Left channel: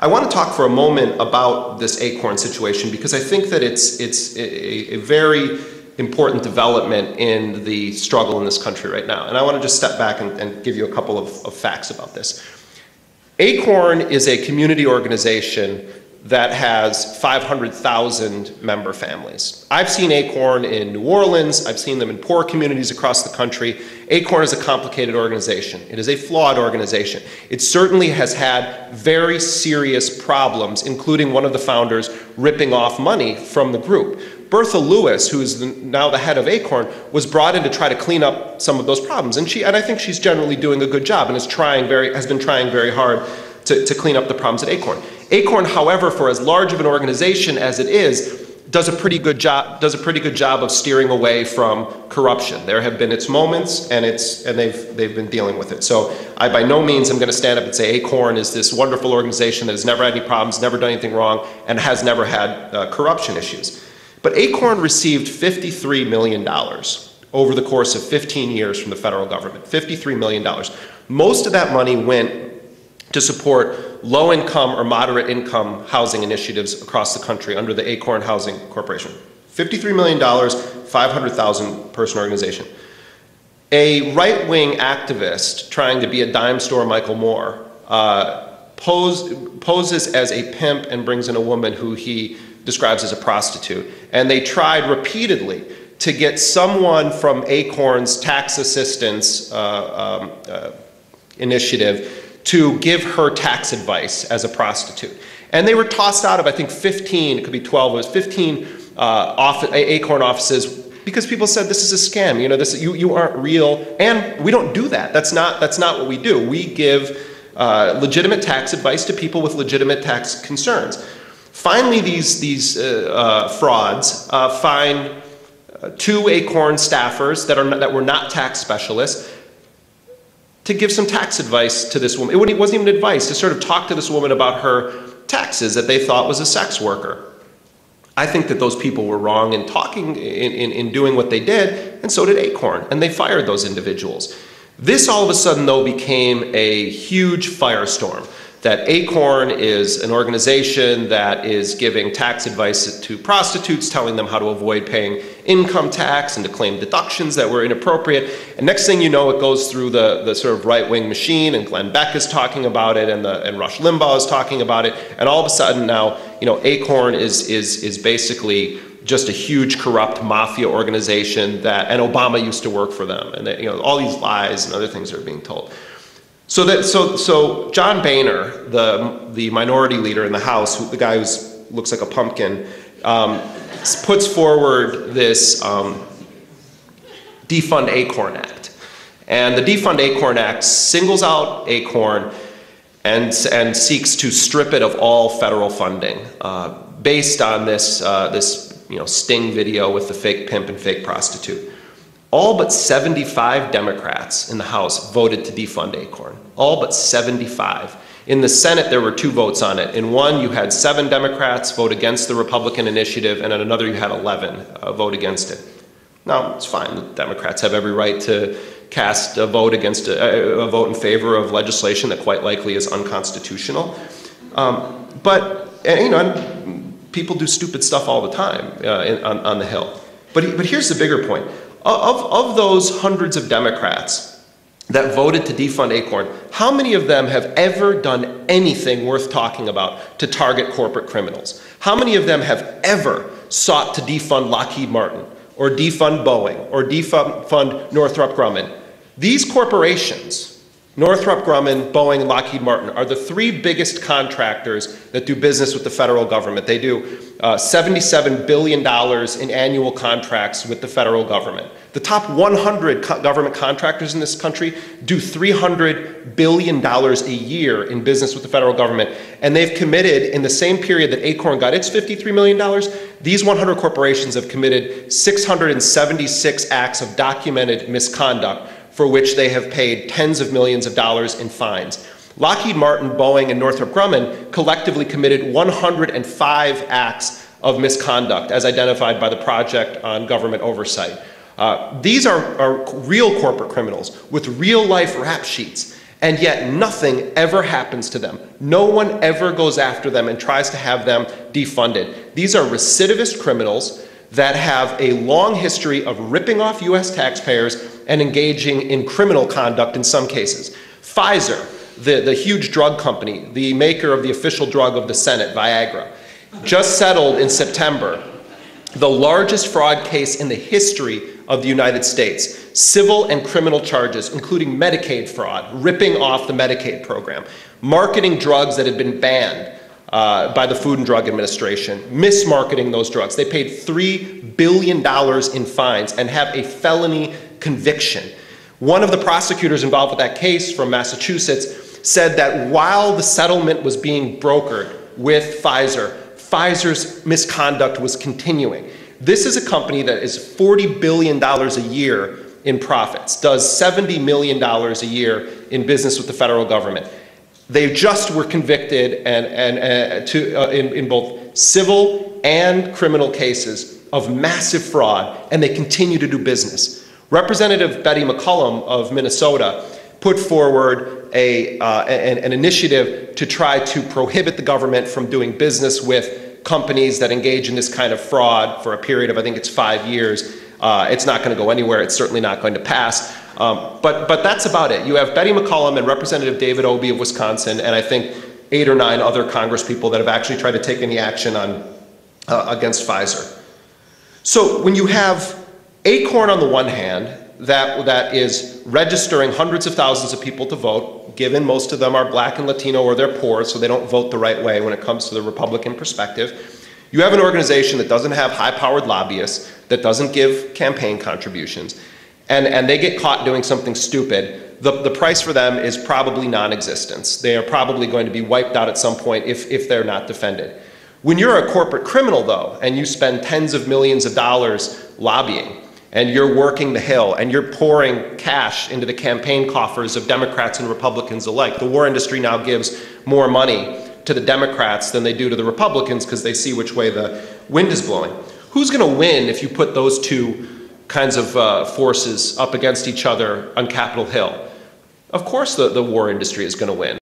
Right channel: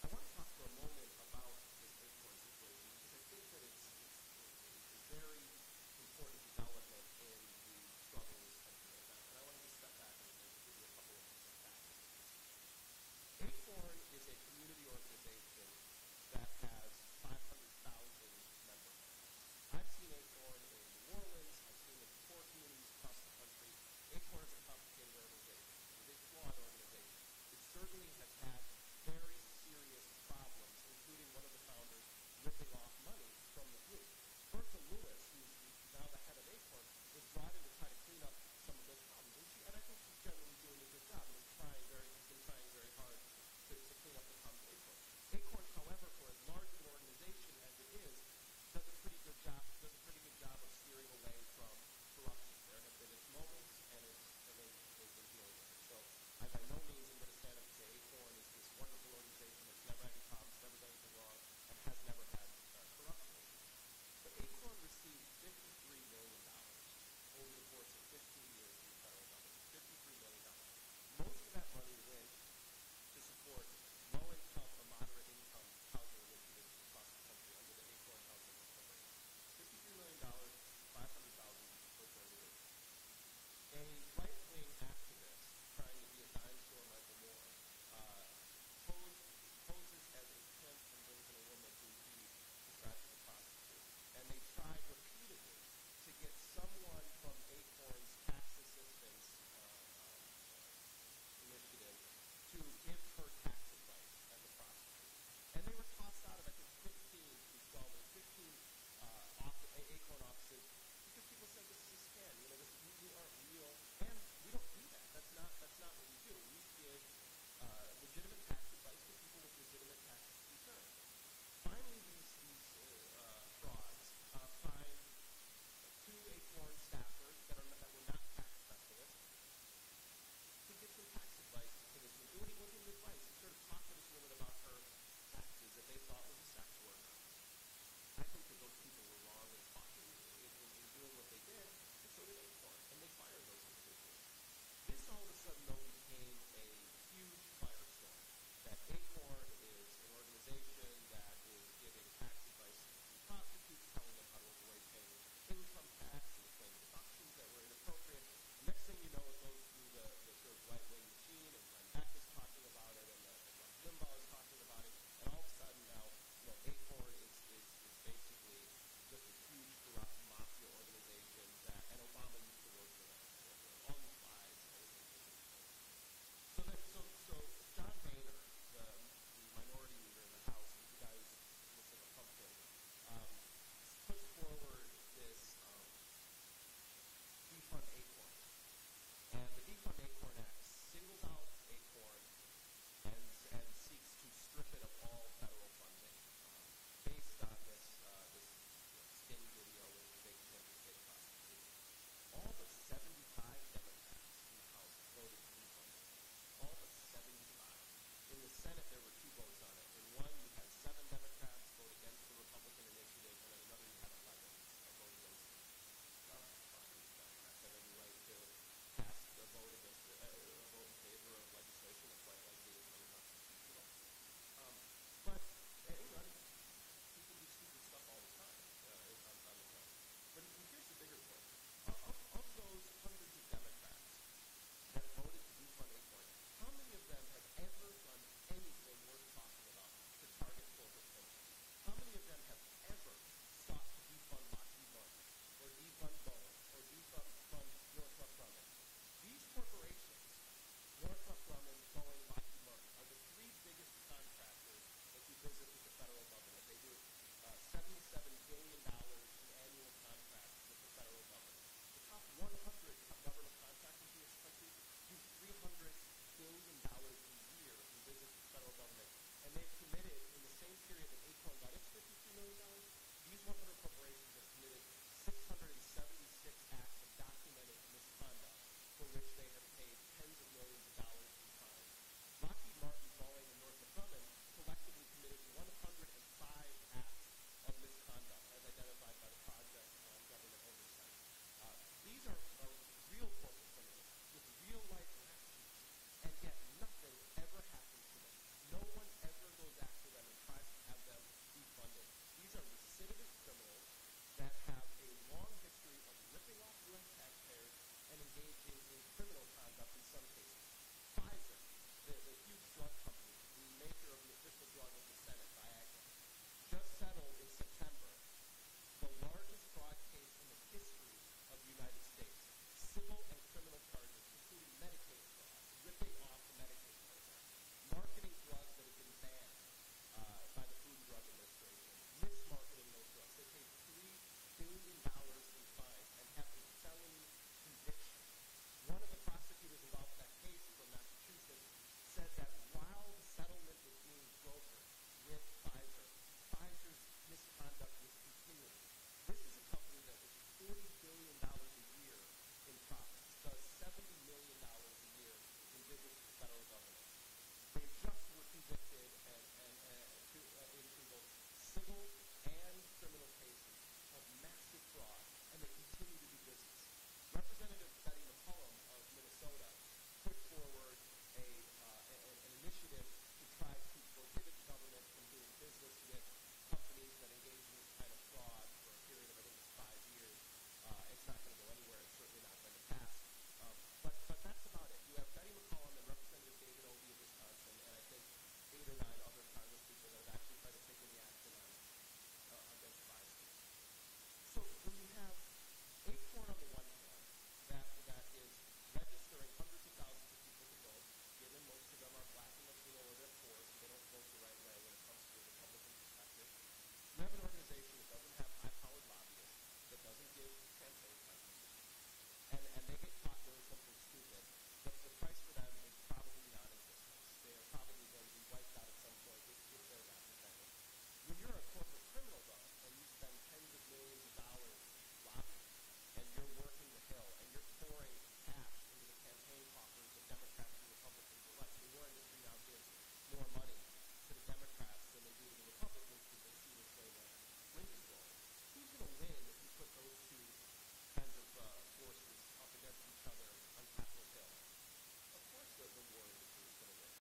I want to talk for a moment about this ACORN situation because I think that it's a very important development in the struggle in this country right now. And I want to just step back and give you a couple of facts about this. ACORN is a community organization that has 500,000 member families. I've seen ACORN in New Orleans. I've seen them in poor communities across the country. ACORN is a complicated organization. It is a flawed organization. It certainly has had very serious problems, including one of the founders ripping off money from the group. Bertha Lewis, who is now the head of ACORN, was brought in to try to clean up some of those problems. And I think she's generally doing a good job and has been trying very hard to clean up the problems at ACORN. ACORN, however, for as large of an organization as it is, does a pretty good job of steering away from corruption. There have been its moments, and they've been dealing with it. So I by no means am going to stand up and say ACORN is this wonderful organization that has never had any problems, never done anything wrong, and has never had corruption issues. But ACORN received $53 million over the course of 15 years from the federal government. $53 million. Most of that money went to support low-income or moderate-income housing initiatives across the country under the ACORN Housing Corporation. $53 million, 500,000 person organization. A right-wing activist trying to be a dime store Michael Moore poses as a pimp and brings in a woman who he describes as a prostitute. And they tried repeatedly to get someone from ACORN's tax assistance initiative to give her tax advice as a prostitute. And they were tossed out of, I think, 15, it could be 12, it was 15 ACORN offices because people said this is a scam, you aren't real, and we don't do that. That's not what we do. We give legitimate tax advice to people with legitimate tax concerns. Finally, these frauds find two ACORN staffers that were not tax specialists to give some tax advice to this woman. It wasn't even advice, to sort of talk to this woman about her taxes that they thought was a sex worker. I think that those people were wrong in doing what they did, and so did ACORN, and they fired those individuals. This all of a sudden, though, became a huge firestorm. That ACORN is an organization that is giving tax advice to prostitutes, telling them how to avoid paying income tax and to claim deductions that were inappropriate. And next thing you know, it goes through the sort of right-wing machine, and Glenn Beck is talking about it, and Rush Limbaugh is talking about it. And all of a sudden now, ACORN is basically just a huge corrupt mafia organization and Obama used to work for them. And all these lies and other things are being told. So John Boehner, the minority leader in the House, the guy who looks like a pumpkin, puts forward this Defund ACORN Act. And the Defund ACORN Act singles out ACORN and seeks to strip it of all federal funding based on this sting video with the fake pimp and fake prostitute. All but 75 Democrats in the House voted to defund ACORN. All but 75. In the Senate, there were 2 votes on it. In one, you had 7 Democrats vote against the Republican initiative, and in another, you had 11 vote against it. Now, it's fine. The Democrats have every right to cast a vote against a vote in favor of legislation that quite likely is unconstitutional. But people do stupid stuff all the time on the Hill. But here's the bigger point. Of those hundreds of Democrats that voted to defund ACORN, how many of them have ever done anything worth talking about to target corporate criminals? How many of them have ever sought to defund Lockheed Martin, or defund Boeing, or defund Northrop Grumman? These corporations, Northrop Grumman, Boeing, and Lockheed Martin, are the 3 biggest contractors that do business with the federal government. They do $77 billion in annual contracts with the federal government. The top 100 government contractors in this country do $300 billion a year in business with the federal government. And they've committed, in the same period that ACORN got its $53 million, these 100 corporations have committed 676 acts of documented misconduct for which they have paid tens of millions of dollars in fines. Lockheed Martin, Boeing, and Northrop Grumman collectively committed 105 acts of misconduct as identified by the Project on Government Oversight. These are real corporate criminals with real life rap sheets. And yet nothing ever happens to them. No one ever goes after them and tries to have them defunded. These are recidivist criminals that have a long history of ripping off US taxpayers and engaging in criminal conduct in some cases. Pfizer, the huge drug company, the maker of the official drug of the Senate, Viagra, just settled in September the largest fraud case in the history of the United States. Civil and criminal charges, including Medicaid fraud, ripping off the Medicaid program, marketing drugs that had been banned by the Food and Drug Administration, mismarketing those drugs. They paid $3 billion in fines and have a felony conviction. One of the prosecutors involved with that case from Massachusetts said that while the settlement was being brokered with Pfizer, Pfizer's misconduct was continuing. This is a company that is $40 billion a year in profits, does $70 million a year in business with the federal government. They just were convicted in both civil and criminal cases of massive fraud, and they continue to do business. Representative Betty McCollum of Minnesota put forward an initiative to try to prohibit the government from doing business with companies that engage in this kind of fraud for a period of, I think it's 5 years. It's not going to go anywhere. It's certainly not going to pass. But that's about it. You have Betty McCollum and Representative David Obey of Wisconsin, and I think 8 or 9 other congresspeople that have actually tried to take any action on against Pfizer. So when you have ACORN on the one hand, that is registering hundreds of thousands of people to vote, given most of them are black and Latino or they're poor, so they don't vote the right way when it comes to the Republican perspective. You have an organization that doesn't have high-powered lobbyists, that doesn't give campaign contributions, and they get caught doing something stupid. The price for them is probably non-existence. They are probably going to be wiped out at some point if they're not defended. When you're a corporate criminal, though, and you spend tens of millions of dollars lobbying, and you're working the Hill, and you're pouring cash into the campaign coffers of Democrats and Republicans alike. The war industry now gives more money to the Democrats than they do to the Republicans because they see which way the wind is blowing. Who's going to win if you put those two kinds of forces up against each other on Capitol Hill? Of course the war industry is going to win.